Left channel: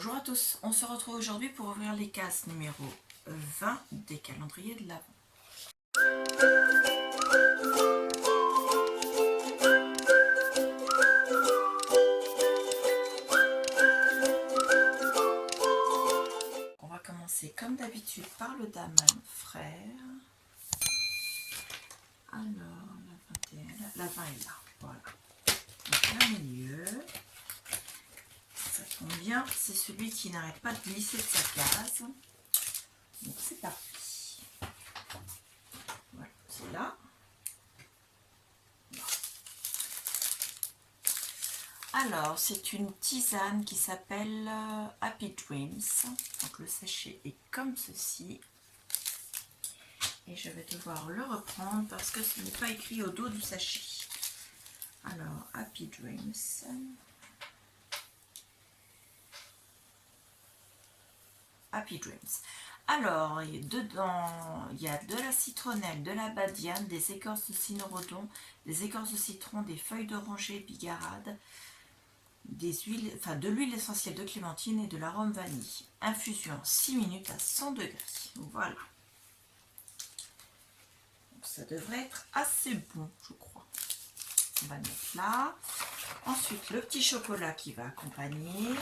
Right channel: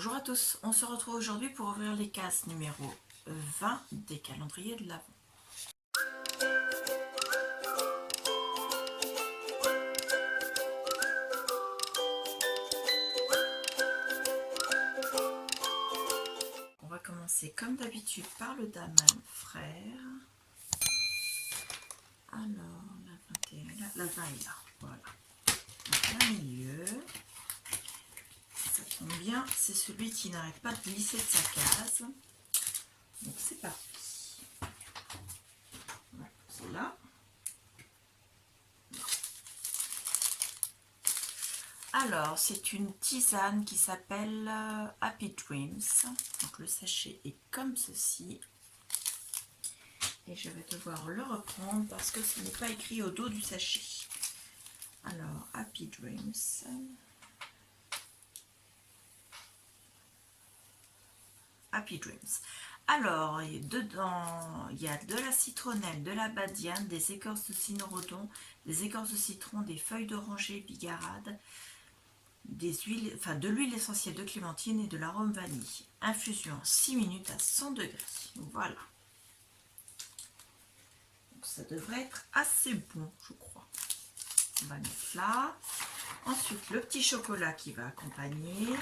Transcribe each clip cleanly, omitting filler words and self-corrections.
Bonjour à tous, on se retrouve aujourd'hui pour ouvrir les cases numéro 20 des calendriers de l'Avent. On va commencer comme d'habitude par le Daman frère. Alors, la 21, la 20 est là, voilà. Donc, le milieu, ça tombe bien, c'est celui qui n'arrête pas de glisser de sa case. Donc c'est parti. Voilà, c'est là. Alors, c'est une tisane qui s'appelle Happy Dreams. Donc, le sachet est comme ceci. Et je vais devoir le reprendre parce que ce n'est pas écrit au dos du sachet. Alors, Happy Dreams. Happy Dreams. Alors, dedans, il y a de la citronnelle, de la badiane, des écorces de cynorrhodon, des écorces de citron, des feuilles d'oranger bigarade, de l'huile essentielle de clémentine et de l'arôme vanille. Infusion 6 minutes à 100 degrés. Voilà. Donc, ça devrait être assez bon, je crois. On va mettre là. Ensuite, le petit chocolat qui va accompagner.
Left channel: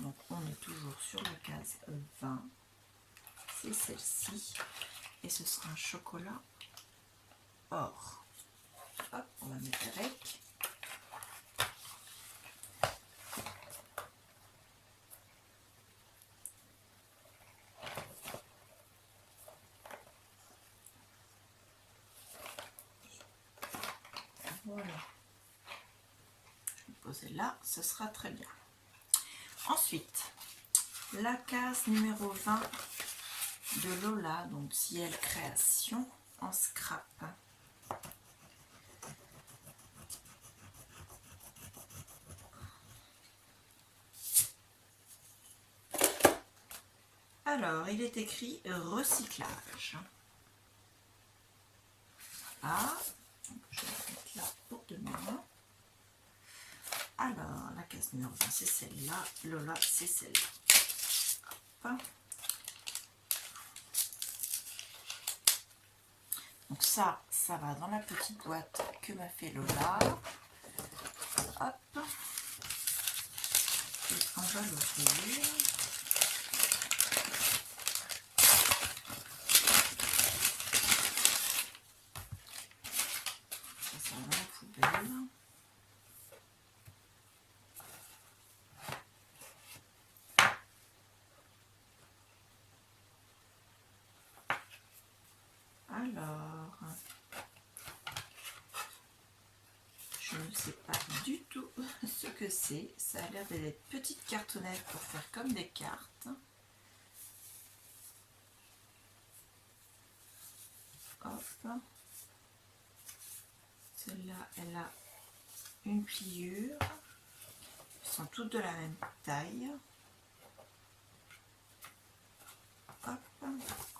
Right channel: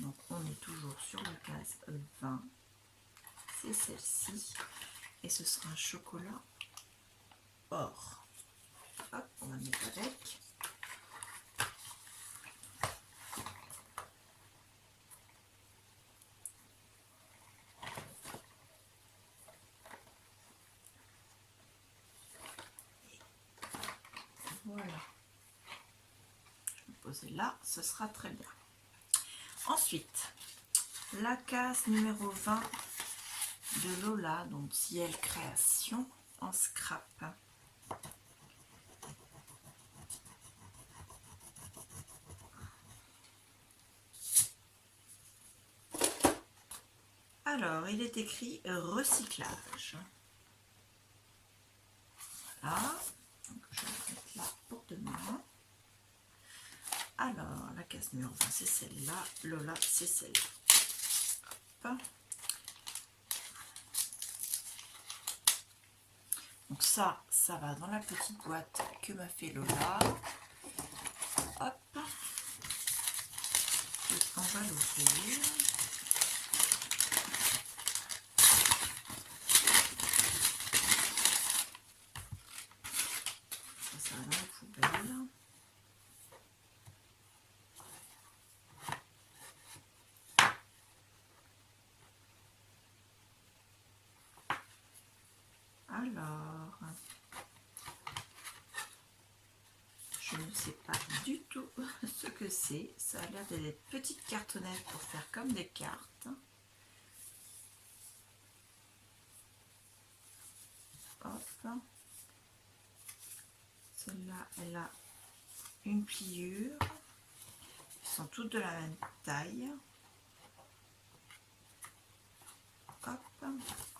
Donc, on est toujours sur la case 20. C'est celle-ci. Et ce sera un chocolat or. Hop, on va mettre avec. Voilà. Je vais poser là, ce sera très bien. Ensuite, la case numéro 20 de Lola, donc Ciel Création en scrap. Alors, il est écrit recyclage. Voilà. Donc, je vais la mettre là pour demain. Alors, la case numéro 20, c'est celle-là. Lola, c'est celle-là. Donc ça va dans la petite boîte que m'a fait Lola. Hop. Et on va l'ouvrir. Ça va dans la poubelle. Alors, je ne sais pas du tout ce que c'est. Ça a l'air d'être des petites cartonnettes pour faire comme des cartes. Hop. Celle-là, elle a une pliure. Elles sont toutes de la même taille. Hop.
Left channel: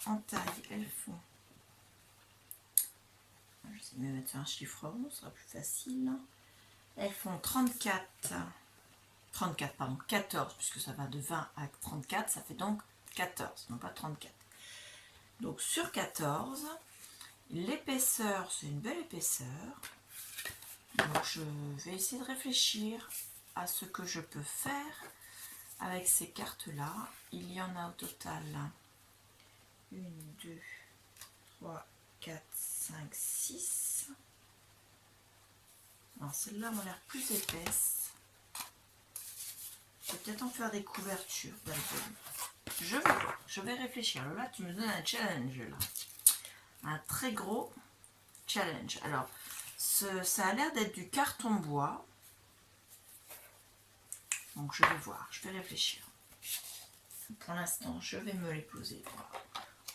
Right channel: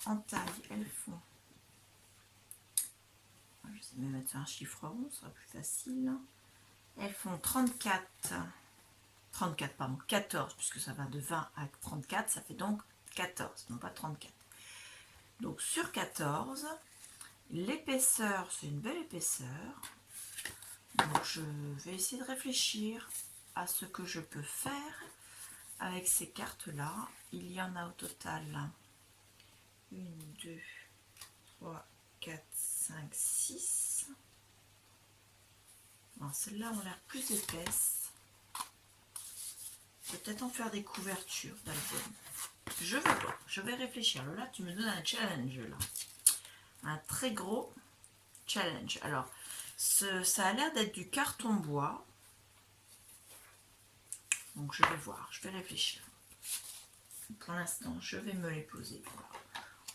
En taille, elles font... Je sais même mettre sur un chiffre rond, ce sera plus facile. Elles font 14, puisque ça va de 20 à 34, ça fait donc 14, non pas 34. Donc sur 14, l'épaisseur, c'est une belle épaisseur. Donc je vais essayer de réfléchir à ce que je peux faire avec ces cartes-là. Il y en a au total 1, 2, 3, 4, 5, 6. Celles-là ont l'air plus épaisses. Peut-être en faire des couvertures d'album. Je vais voir, je vais réfléchir. Là, tu me donnes un challenge là. Un très gros challenge. Alors, ça a l'air d'être du carton bois. Donc, je vais voir, je vais réfléchir. Pour l'instant, je vais me les poser.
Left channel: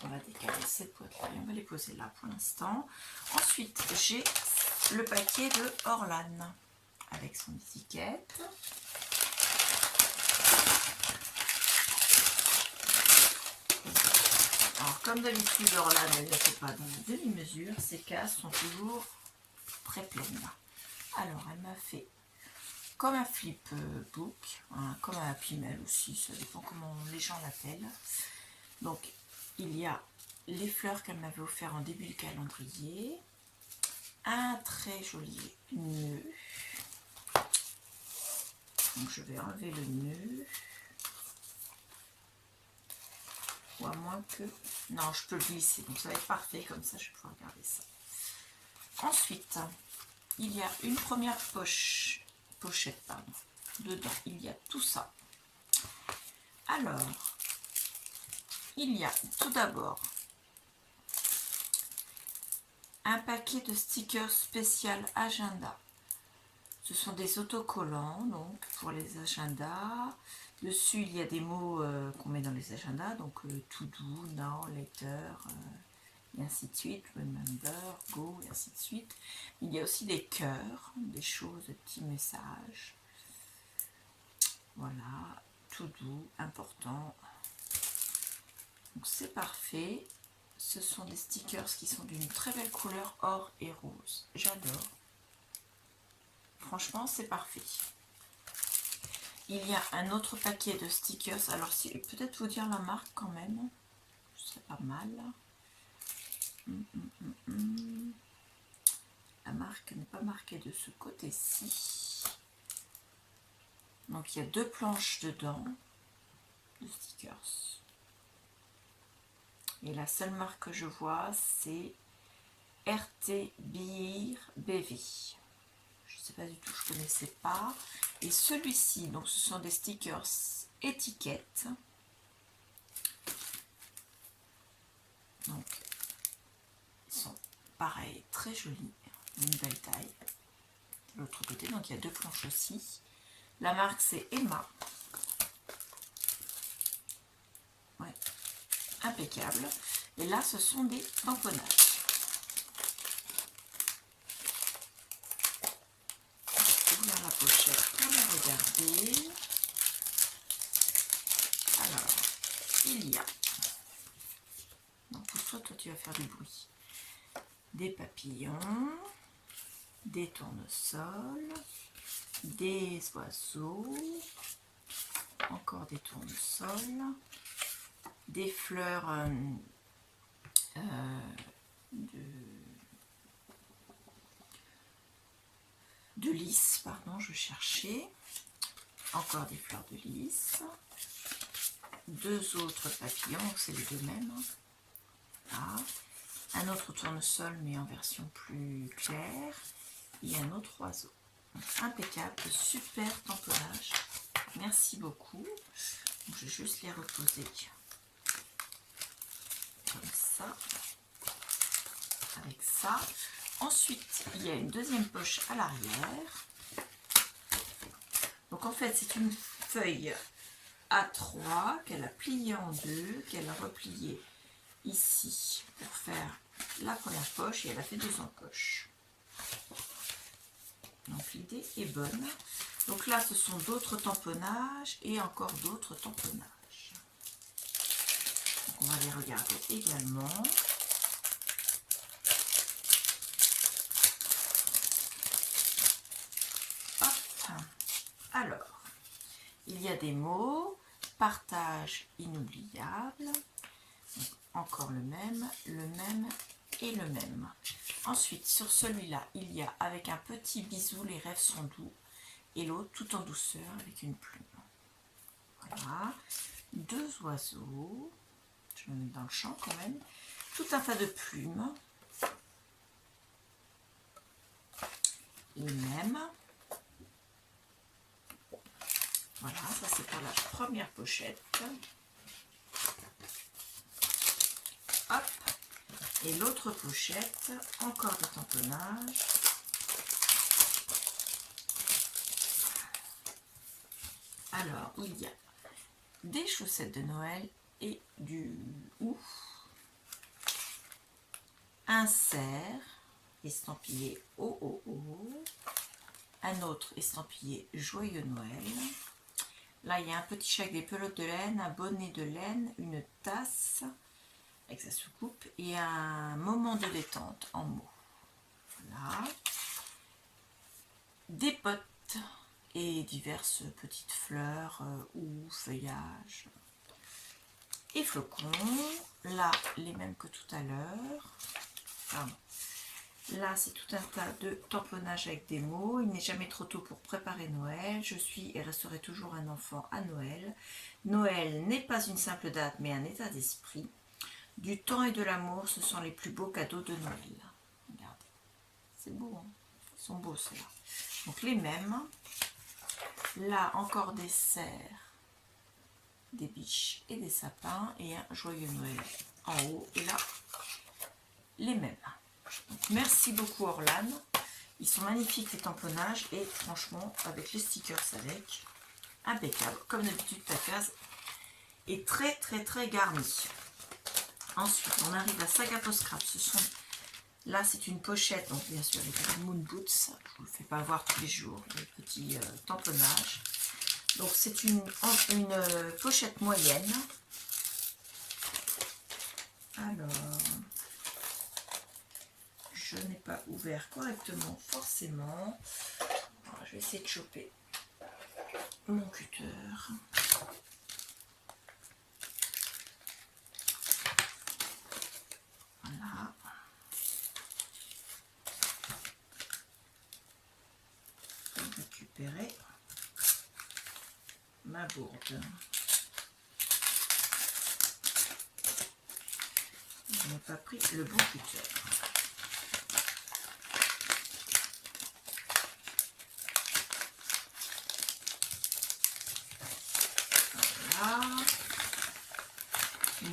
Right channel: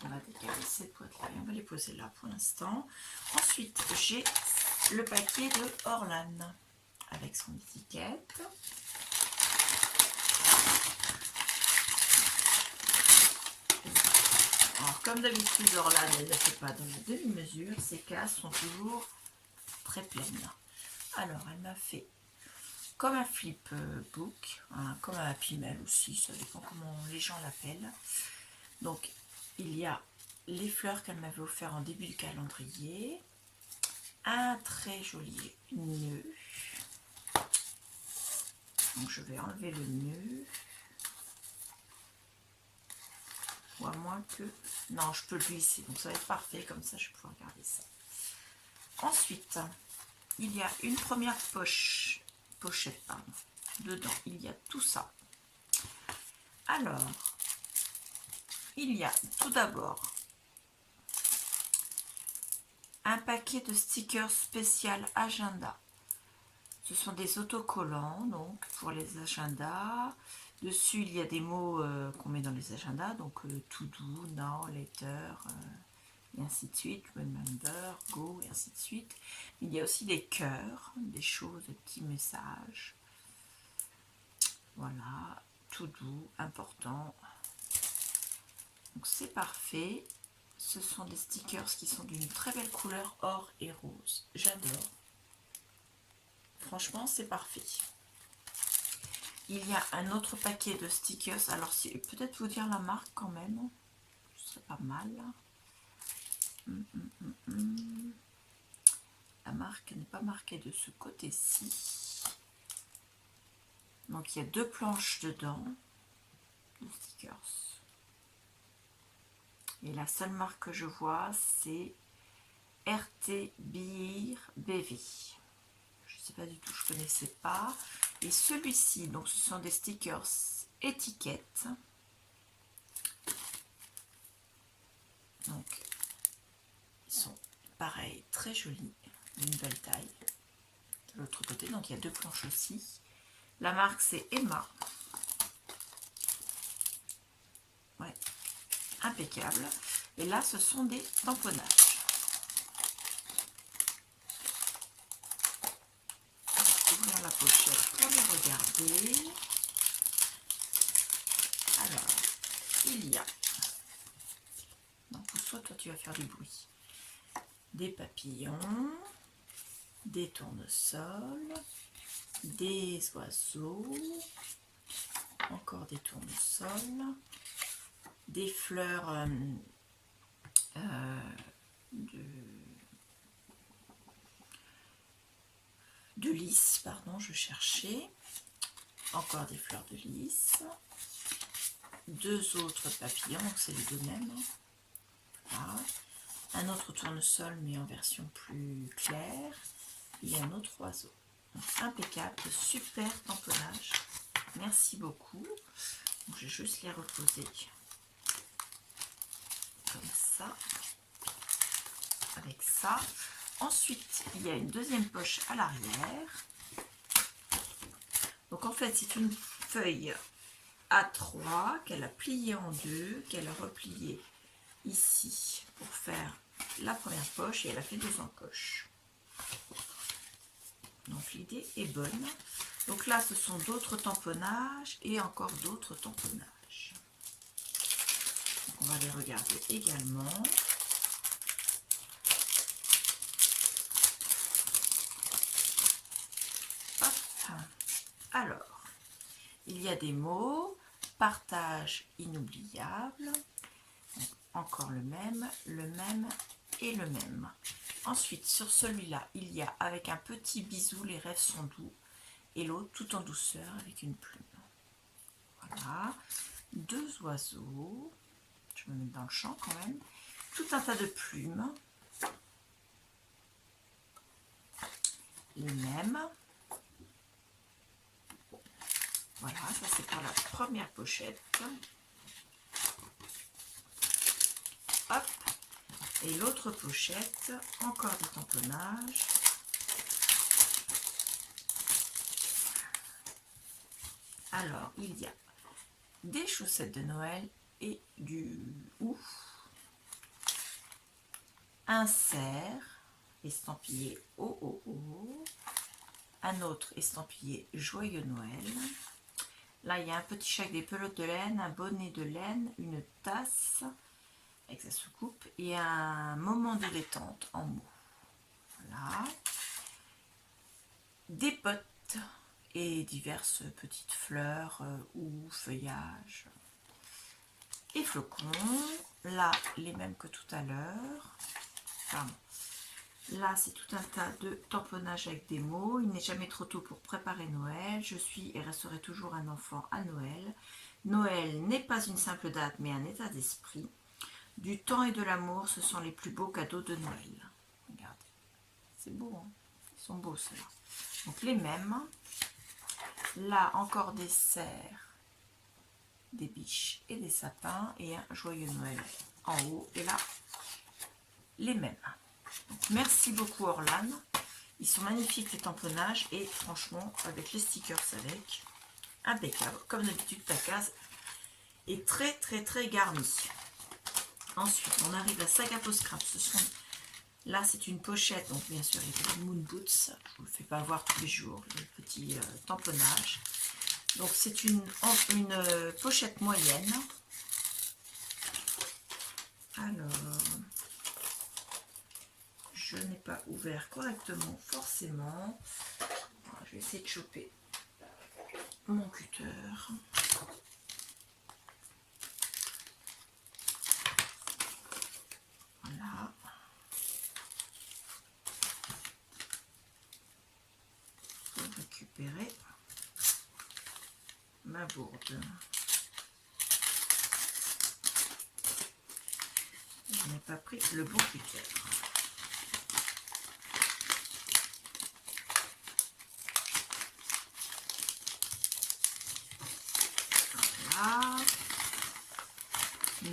On va décaler cette boîte-là et on va les poser là pour l'instant. Ensuite, j'ai le paquet de Orlan avec son étiquette. Alors, comme d'habitude, Orlan, elle ne fait pas dans les demi-mesures. Ces cases sont toujours très pleines. Alors, elle m'a fait comme un flipbook, hein, comme un Happy Mail aussi, ça dépend comment les gens l'appellent. Donc il y a les fleurs qu'elle m'avait offert en début du calendrier, un très joli nœud. Donc je vais enlever le nœud. Ou à moins que... Non, je peux le glisser, donc ça va être parfait, comme ça je vais pouvoir garder ça. Ensuite, il y a une première pochette, pardon. Dedans, il y a tout ça. Alors, il y a tout d'abord un paquet de stickers spécial agenda. Ce sont des autocollants, donc pour les agendas. Dessus, il y a des mots qu'on met dans les agendas, donc to do, now, later, et ainsi de suite, remember, go, et ainsi de suite. Il y a aussi des cœurs, des choses, des petits messages. Voilà, to do, important. Donc c'est parfait. Ce sont des stickers qui sont d'une très belle couleur or et rose. J'adore. Franchement, c'est parfait. Il y a un autre paquet de stickers. Alors, si peut-être vous dire la marque quand même. Ce serait pas mal. La marque n'est pas marquée de ce côté-ci. Donc, il y a 2 planches dedans. De stickers. Et la seule marque que je vois, c'est RT Beer BV. Je ne sais pas du tout, je ne connaissais pas. Et celui-ci, donc ce sont des stickers étiquettes. Donc, ils sont pareils, très jolis, d'une belle taille. De l'autre côté, donc il y a 2 planches aussi. La marque c'est Emma. Ouais, impeccable. Et là, ce sont des tamponnages. Ouvrir la pochette pour les regarder. Alors, il y a, donc soit toi tu vas faire du bruit, des papillons, des tournesols, des oiseaux, encore des tournesols, des fleurs de lys, pardon, je cherchais, encore des fleurs de lys, 2 autres papillons, c'est les 2 mêmes, voilà. Un autre tournesol mais en version plus claire, et un autre oiseau. Donc, impeccable, super tamponnage, merci beaucoup. Donc, je vais juste les reposer comme ça, avec ça. Ensuite, il y a une deuxième poche à l'arrière. Donc en fait, c'est une feuille A3 qu'elle a pliée en 2, qu'elle a repliée ici pour faire la première poche et elle a fait 2 encoches. Donc l'idée est bonne. Donc là, ce sont d'autres tamponnages et encore d'autres tamponnages. Donc on va les regarder également. Alors, il y a des mots, partage inoubliable, donc encore le même et le même. Ensuite, sur celui-là, il y a avec un petit bisou, les rêves sont doux, et l'autre tout en douceur avec une plume. Voilà, 2 oiseaux, je me mets dans le champ quand même, tout un tas de plumes, les mêmes. Voilà, ça c'est pour la première pochette. Hop. Et l'autre pochette, encore des tamponnages. Alors, il y a des chaussettes de Noël et du ouf. Un cerf estampillé oh oh oh. Un autre estampillé Joyeux Noël. Là, il y a un petit chèque, des pelotes de laine, un bonnet de laine, une tasse avec sa soucoupe et un moment de détente en mots. Voilà. Des potes et diverses petites fleurs ou feuillages et flocons. Là, les mêmes que tout à l'heure. Pardon. Là, c'est tout un tas de tamponnages avec des mots. Il n'est jamais trop tôt pour préparer Noël. Je suis et resterai toujours un enfant à Noël. Noël n'est pas une simple date, mais un état d'esprit. Du temps et de l'amour, ce sont les plus beaux cadeaux de Noël. Regardez, c'est beau, hein? Ils sont beaux ceux-là. Donc les mêmes. Là, encore des cerfs, des biches et des sapins et un joyeux Noël en haut. Et là, les mêmes. Donc, merci beaucoup Orlan. Ils sont magnifiques les tamponnages et franchement, avec les stickers avec, impeccable. Comme d'habitude, ta case est très très très garnie. Ensuite, on arrive à Saga Post Scrap. Ce sont... Là, c'est une pochette, donc bien sûr, les Moon Boots. Je ne vous le fais pas voir tous les jours, le petit tamponnage. Donc, c'est une pochette moyenne. Alors, je n'ai pas ouvert correctement, forcément. Alors, je vais essayer de choper mon cutter. Voilà. Je vais récupérer ma bourde. Je n'ai pas pris le bon cutter. Voilà. Je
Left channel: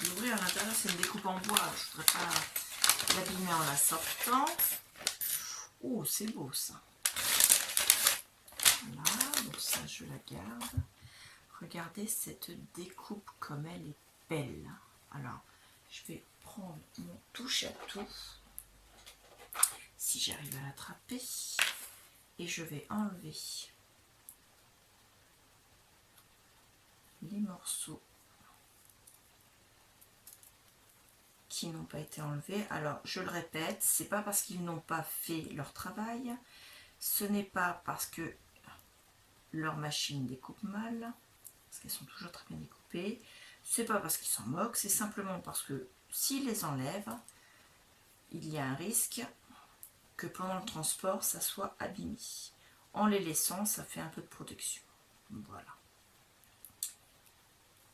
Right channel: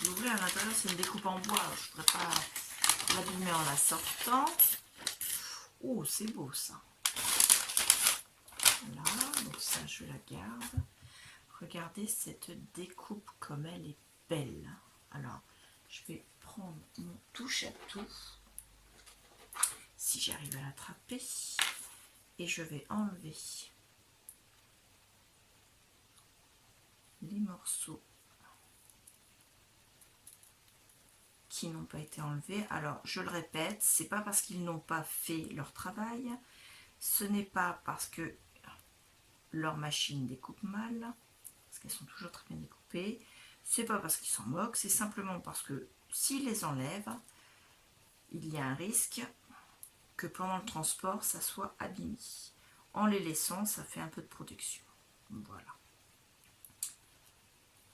vais l'ouvrir à l'intérieur, c'est une découpe en bois. Je ne voudrais pas l'abîmer en la sortant. Oh, c'est beau ça. Voilà, donc ça je la garde. Regardez cette découpe comme elle est belle. Alors, je vais prendre mon touche à tout, si j'arrive à l'attraper, et je vais enlever les morceaux qui n'ont pas été enlevés. Alors, je le répète, c'est pas parce qu'ils n'ont pas fait leur travail, ce n'est pas parce que leur machine découpe mal, parce qu'elles sont toujours très bien découpées, c'est pas parce qu'ils s'en moquent, c'est simplement parce que s'ils les enlèvent, il y a un risque que pendant le transport, ça soit abîmé. En les laissant, ça fait un peu de protection. Voilà.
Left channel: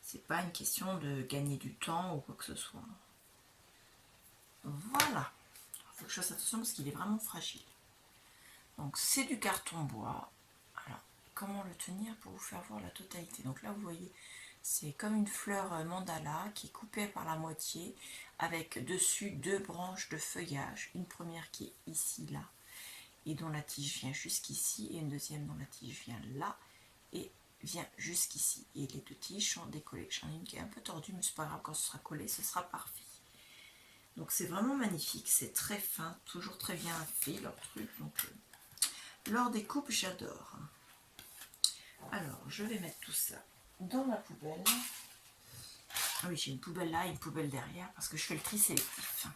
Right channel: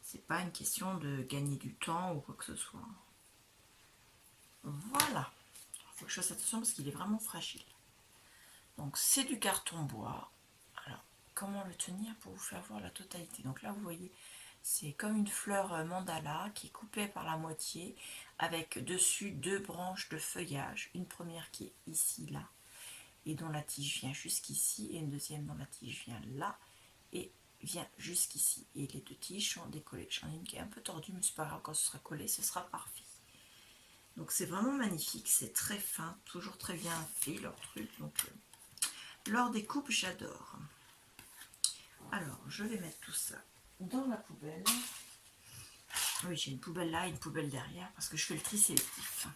C'est pas une question de gagner du temps ou quoi que ce soit. Voilà. Il faut que je fasse attention parce qu'il est vraiment fragile. Donc c'est du carton bois. Alors, comment le tenir pour vous faire voir la totalité? Donc là, vous voyez, c'est comme une fleur mandala qui est coupée par la moitié avec dessus deux branches de feuillage. Une première qui est ici, là, et dont la tige vient jusqu'ici, et une deuxième dont la tige vient là, et vient jusqu'ici. Et les deux tiges sont décollées. J'en ai une qui est un peu tordue, mais c'est pas grave, quand ce sera collé, ce sera parfait. Donc c'est vraiment magnifique, c'est très fin, toujours très bien fait leur truc. Donc leur découpe, j'adore. Alors, je vais mettre tout ça dans la poubelle. Oui, j'ai une poubelle là et une poubelle derrière parce que je fais le tri sélectif.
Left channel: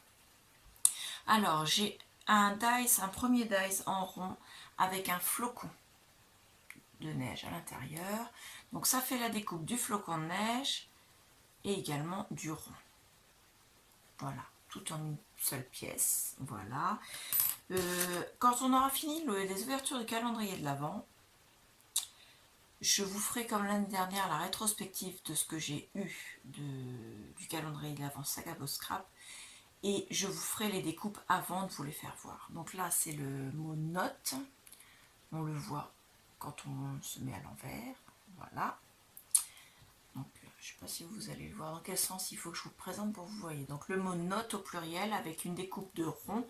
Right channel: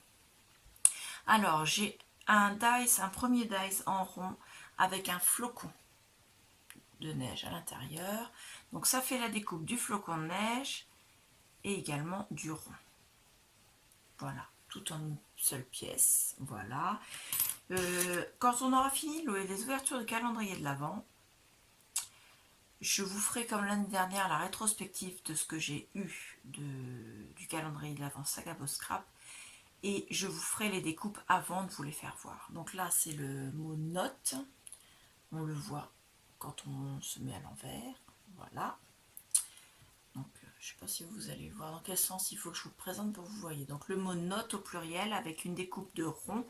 Alors, j'ai un dice, un premier dice en rond avec un flocon de neige à l'intérieur. Donc, ça fait la découpe du flocon de neige et également du rond. Voilà, tout en une seule pièce. Voilà. Quand on aura fini les ouvertures de calendrier de l'Avent, je vous ferai comme l'année dernière la rétrospective de ce que j'ai eu du calendrier de l'Avent Saga Post Scrap et je vous ferai les découpes avant de vous les faire voir. Donc là c'est le mot note, on le voit quand on se met à l'envers, voilà. Donc je ne sais pas si vous allez le voir dans quel sens il faut que je vous le présente pour que vous voyez. Donc le mot note au pluriel avec une découpe de rond,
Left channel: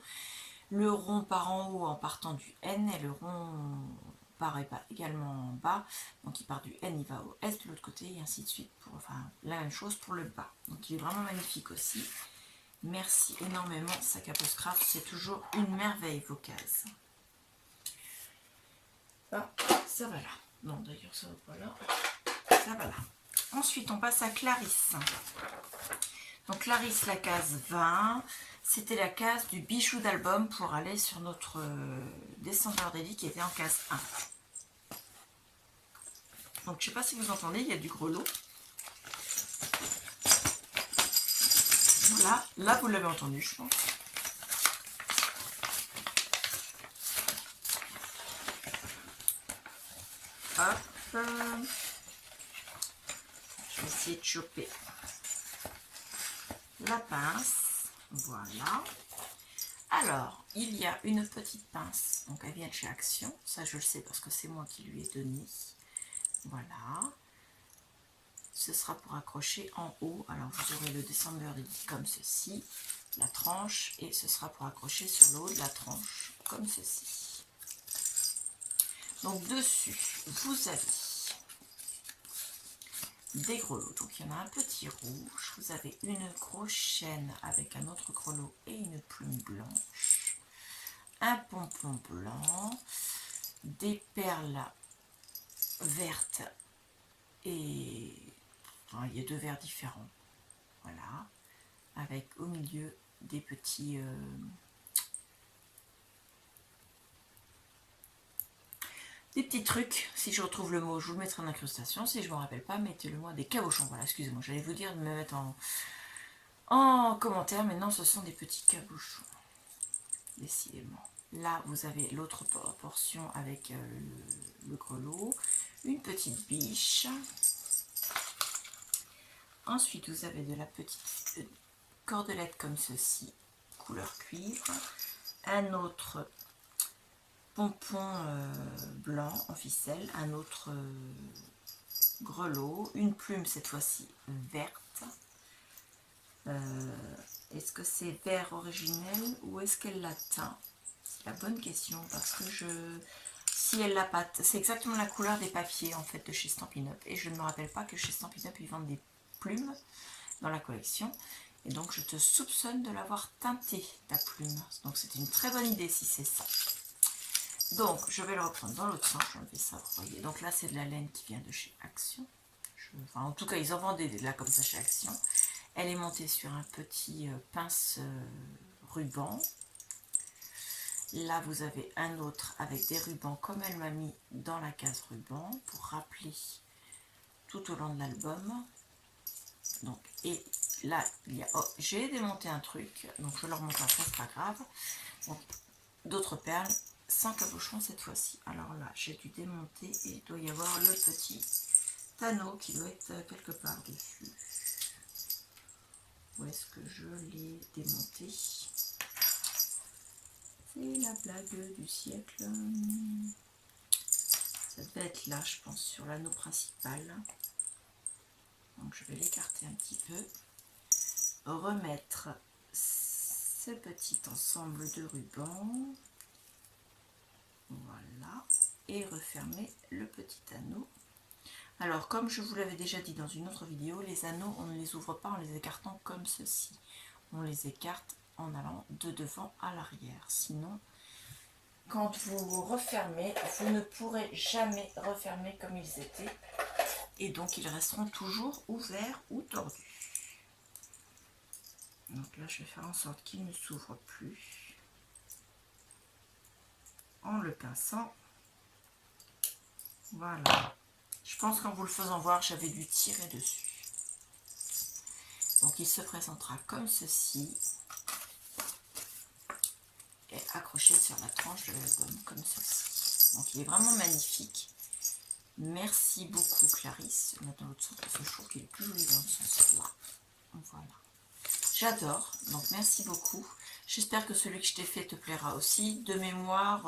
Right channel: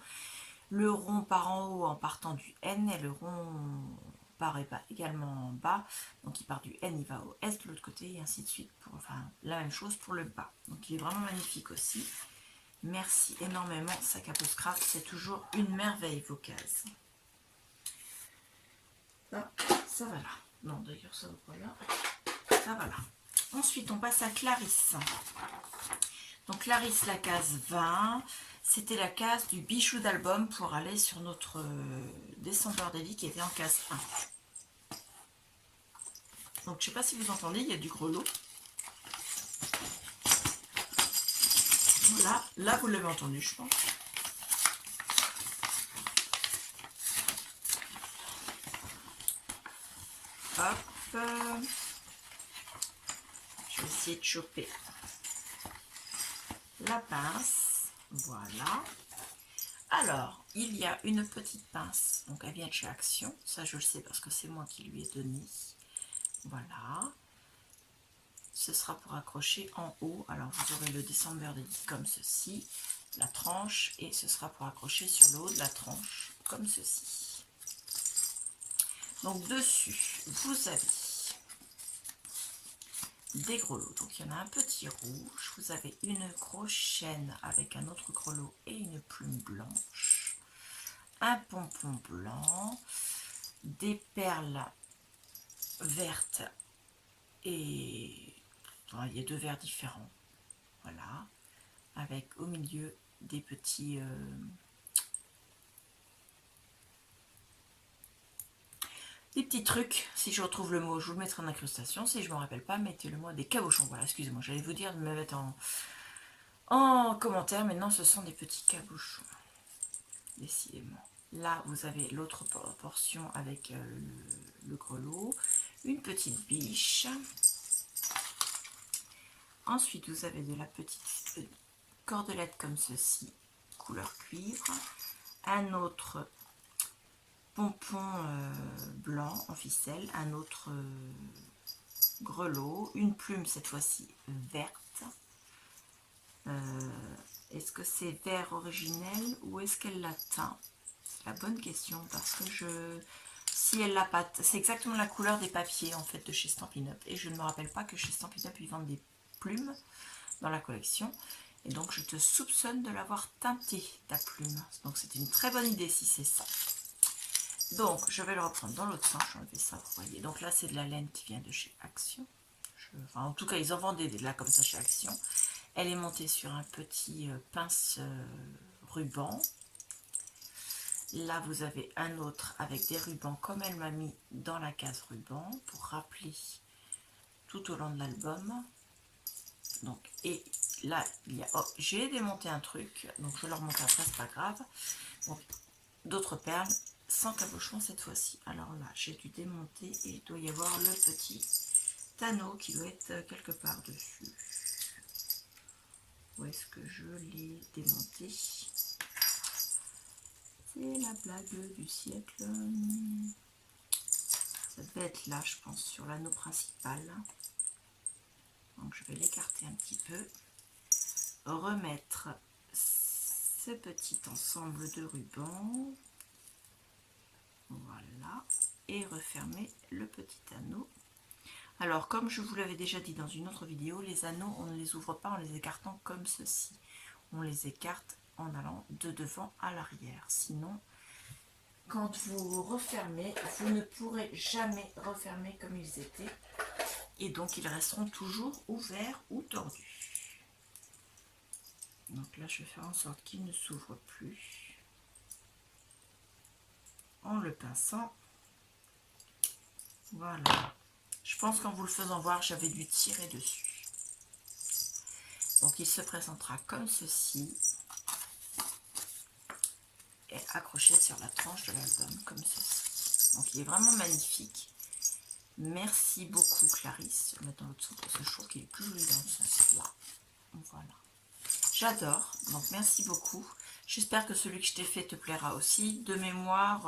le rond part en haut en partant du N et le rond part également en bas, donc il part du N, il va au S de l'autre côté et ainsi de suite, pour, enfin la même chose pour le bas. Donc il est vraiment magnifique aussi. Merci énormément Saga Post Scrap, c'est toujours une merveille vos cases. Ah, ça va là. Non d'ailleurs ça va pas là. Ça va là. Ensuite on passe à Clarisse. Donc Clarisse la case 20. C'était la case du bijou d'album pour aller sur notre December Daily qui était en case 1. Donc je ne sais pas si vous entendez, il y a du grelot. Voilà, là vous l'avez entendu, je pense. Hop. Je vais essayer de choper la pince. Voilà. Alors, il y a une petite pince. Donc elle vient de chez Action. Ça je le sais parce que c'est moi qui lui ai donné. Voilà. Ce sera pour accrocher en haut. Alors vous aurez le December Daily comme ceci. La tranche. Et ce sera pour accrocher sur le haut de la tranche comme ceci. Donc dessus, vous avez des grelots. Donc il y en a un petit rouge, vous avez une grosse chaîne avec un autre grelot et une plume blanche, un pompon blanc, des perles vertes et enfin, il y a 2 verres différents. Voilà, avec au milieu des petits trucs, si je retrouve le mot, je vous le mettrai en incrustation. Si je ne me rappelle pas, mettez-le moi des cabochons. Voilà, excusez-moi, j'allais vous dire de me mettre en commentaire, mais non, ce sont des petits cabochons. Décidément. Là, vous avez l'autre portion avec le grelot, une petite biche. Ensuite, vous avez de la petite cordelette comme ceci, couleur cuivre. Un autre pompon blanc en ficelle, un autre grelot, une plume cette fois-ci verte. Est-ce que c'est vert originel ou est-ce qu'elle l'a teint? C'est la bonne question parce que si elle l'a pas, c'est exactement la couleur des papiers en fait de chez Stampin' Up et je ne me rappelle pas que chez Stampin' Up ils vendent des plumes dans la collection et donc je te soupçonne de l'avoir teinté ta plume. Donc c'est une très bonne idée si c'est ça. Donc je vais le reprendre dans l'autre sens, enlever ça, vous voyez. Donc là c'est de la laine qui vient de chez Action. Enfin en tout cas ils en vendent des là comme ça chez Action. Elle est montée sur un petit pince ruban. Là, vous avez un autre avec des rubans comme elle m'a mis dans la case ruban pour rappeler tout au long de l'album. Donc, et là, il y a... Oh, j'ai démonté un truc, donc je le remonte après, c'est pas grave. Donc, d'autres perles, sans cabochon cette fois-ci. Alors là, j'ai dû démonter et il doit y avoir le petit anneau qui doit être quelque part dessus. Où est-ce que je l'ai démonté? C'est la blague du siècle. Ça devait être là, je pense, sur l'anneau principal. Donc je vais l'écarter un petit peu. Remettre ce petit ensemble de rubans. Voilà. Et refermer le petit anneau. Alors, comme je vous l'avais déjà dit dans une autre vidéo, les anneaux, on ne les ouvre pas en les écartant comme ceci. On les écarte en allant de devant à l'arrière. Sinon, quand vous refermez, vous ne pourrez jamais refermer comme ils étaient. Et donc, ils resteront toujours ouverts ou tordus. Donc là, je vais faire en sorte qu'ils ne s'ouvrent plus. En le pinçant. Voilà. Je pense qu'en vous le faisant voir, j'avais dû tirer dessus. Donc, il se présentera comme ceci. Et accroché sur la tranche de l'album, comme ceci. Donc, il est vraiment magnifique. Merci beaucoup, Clarisse. Je vais mettre dans l'autre sens parce que je trouve qu'il est plus joli dans ce sens-là. Voilà. J'adore. Donc, merci beaucoup. J'espère que celui que je t'ai fait te plaira aussi. De mémoire,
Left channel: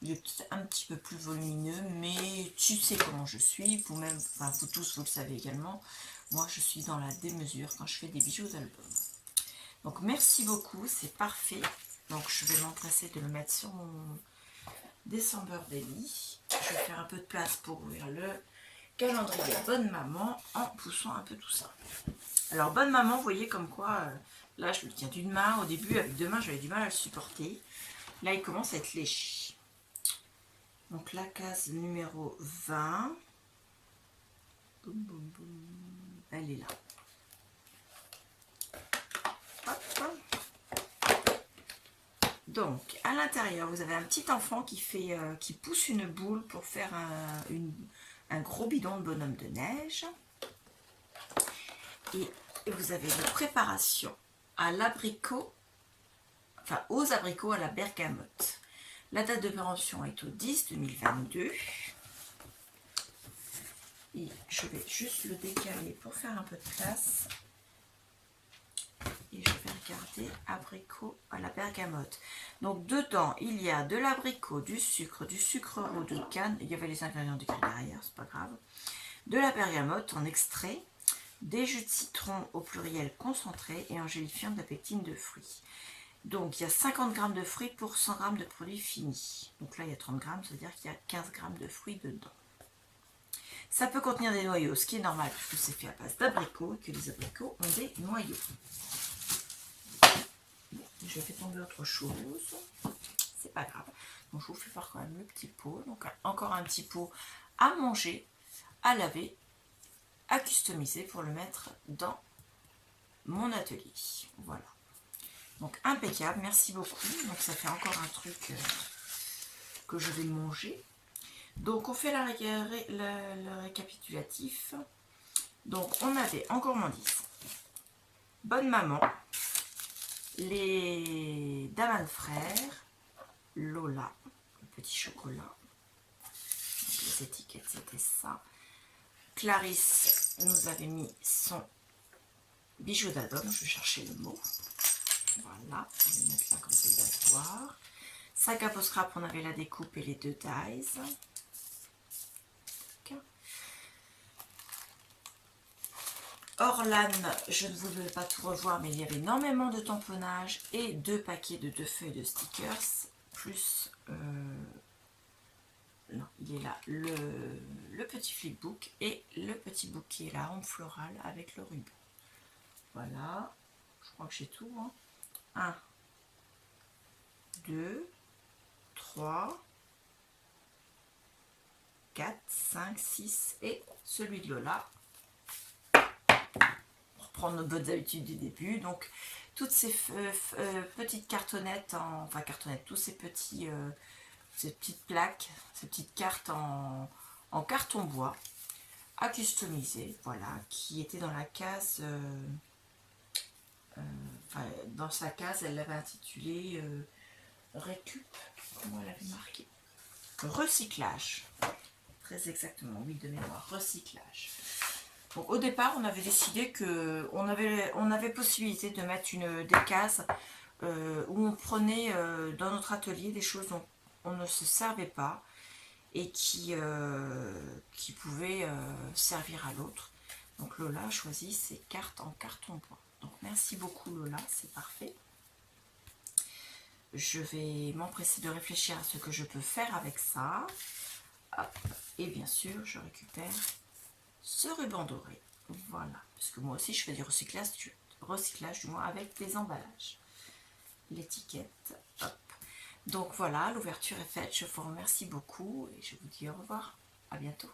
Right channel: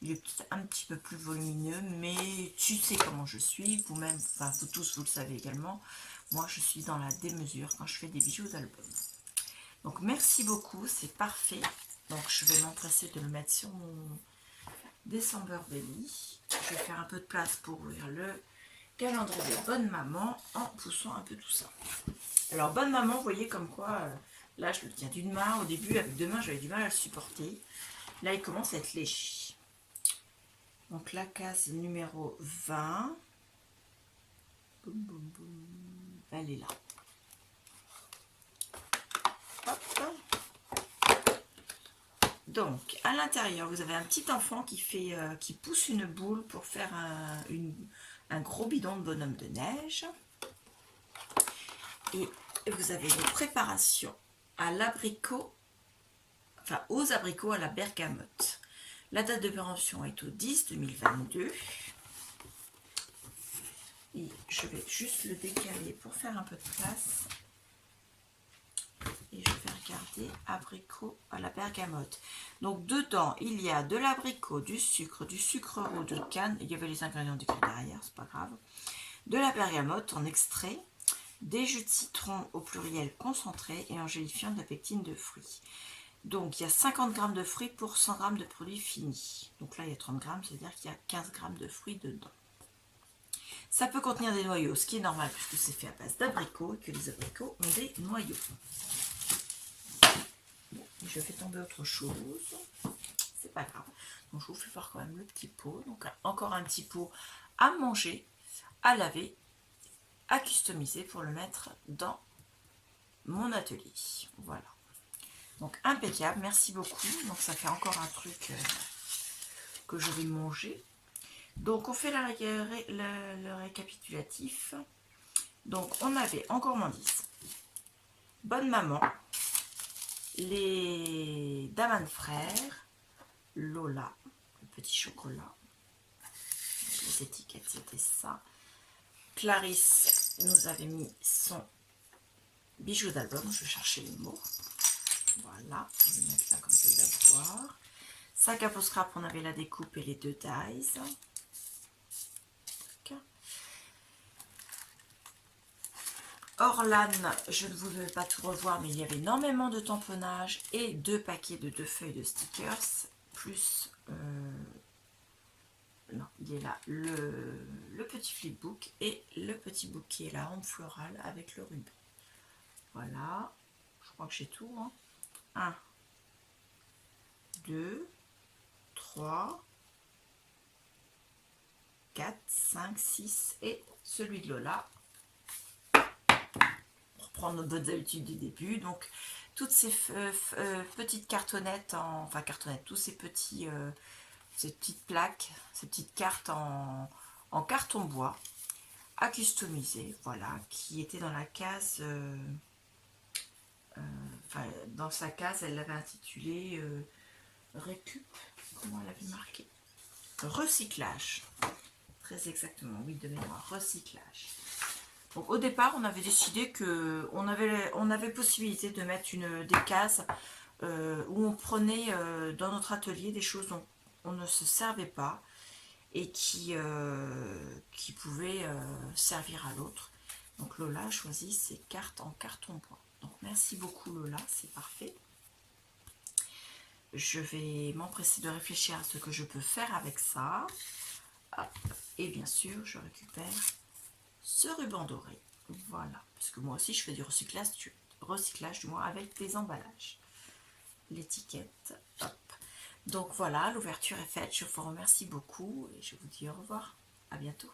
il est peut-être un petit peu plus volumineux, mais tu sais comment je suis. Vous-même, enfin, vous tous, vous le savez également. Moi, je suis dans la démesure quand je fais des bijoux d'album. Donc, merci beaucoup. C'est parfait. Donc, je vais m'empresser de le mettre sur mon December Daily. Je vais faire un peu de place pour ouvrir le calendrier Bonne Maman en poussant un peu tout ça. Alors, Bonne Maman, vous voyez comme quoi, là, je le tiens d'une main. Au début, avec deux mains, j'avais du mal à le supporter. Là, il commence à être léger. Donc, la case numéro 20. Boum, boum, boum. Elle est là. Hop. Donc, à l'intérieur, vous avez un petit enfant qui pousse une boule pour faire un gros bidon de bonhomme de neige. Et vous avez les préparations à l'abricot, enfin aux abricots à la bergamote. La date de péremption est au 10-2022. Et je vais juste le décaler pour faire un peu de place. Et je vais regarder abricot à la bergamote. Donc dedans, il y a de l'abricot, du sucre roux de canne. Il y avait les ingrédients décrits derrière, c'est pas grave. De la bergamote en extrait, des jus de citron au pluriel concentré et en gélifiant de la pectine de fruits. Donc il y a 50 g de fruits pour 100 g de produits finis. Donc là il y a 30 g, c'est-à-dire qu'il y a 15 g de fruits dedans. Ça peut contenir des noyaux, ce qui est normal puisque c'est fait à base d'abricots et que les abricots ont des noyaux. Je fais tomber autre chose, c'est pas grave. Donc je vous fais voir quand même le petit pot. Donc encore un petit pot à manger, à laver, à customiser pour le mettre dans mon atelier. Voilà. Donc impeccable, merci beaucoup. Donc ça fait encore un truc que je vais manger. Donc on fait le récapitulatif. Donc on avait en gourmandise Bonne Maman, les Daman Frères, Lola, le petit chocolat. Donc, les étiquettes c'était ça. Clarisse nous avait mis son bijou d'album, je vais chercher le mot. Voilà, je vais mettre là comme ça il va se voir. Sac à peau scrap, on avait la découpe et les 2 dies. Orlan, je ne voulais pas tout revoir, mais il y avait énormément de tamponnage et 2 paquets de 2 feuilles de stickers, plus, non, il est là, le petit flipbook et le petit bouquet, la rampe florale avec le ruban. Voilà, je crois que j'ai tout. 1, 2, 3, 4, 5, 6 et celui de Lola. Prendre nos bonnes habitudes du début. Donc toutes ces petites cartonnettes, enfin cartonnettes, tous ces petits, ces petites plaques, ces petites cartes en carton bois à customiser, voilà, qui étaient dans la case, enfin dans sa case, elle l'avait intitulé récup, comment elle avait marqué, recyclage, très exactement, oui, de mémoire, recyclage. Donc au départ, on avait décidé qu'on avait possibilité de mettre des cases où on prenait dans notre atelier des choses dont on ne se servait pas et qui pouvaient servir à l'autre. Donc Lola a choisi ses cartes en carton bois. Donc merci beaucoup Lola, c'est parfait. Je vais m'empresser de réfléchir à ce que je peux faire avec ça. Hop. Et bien sûr, je récupère ce ruban doré, voilà, parce que moi aussi je fais du recyclage du moins avec des emballages, l'étiquette, hop. Donc voilà, l'ouverture est faite, je vous remercie beaucoup et je vous dis au revoir, à bientôt.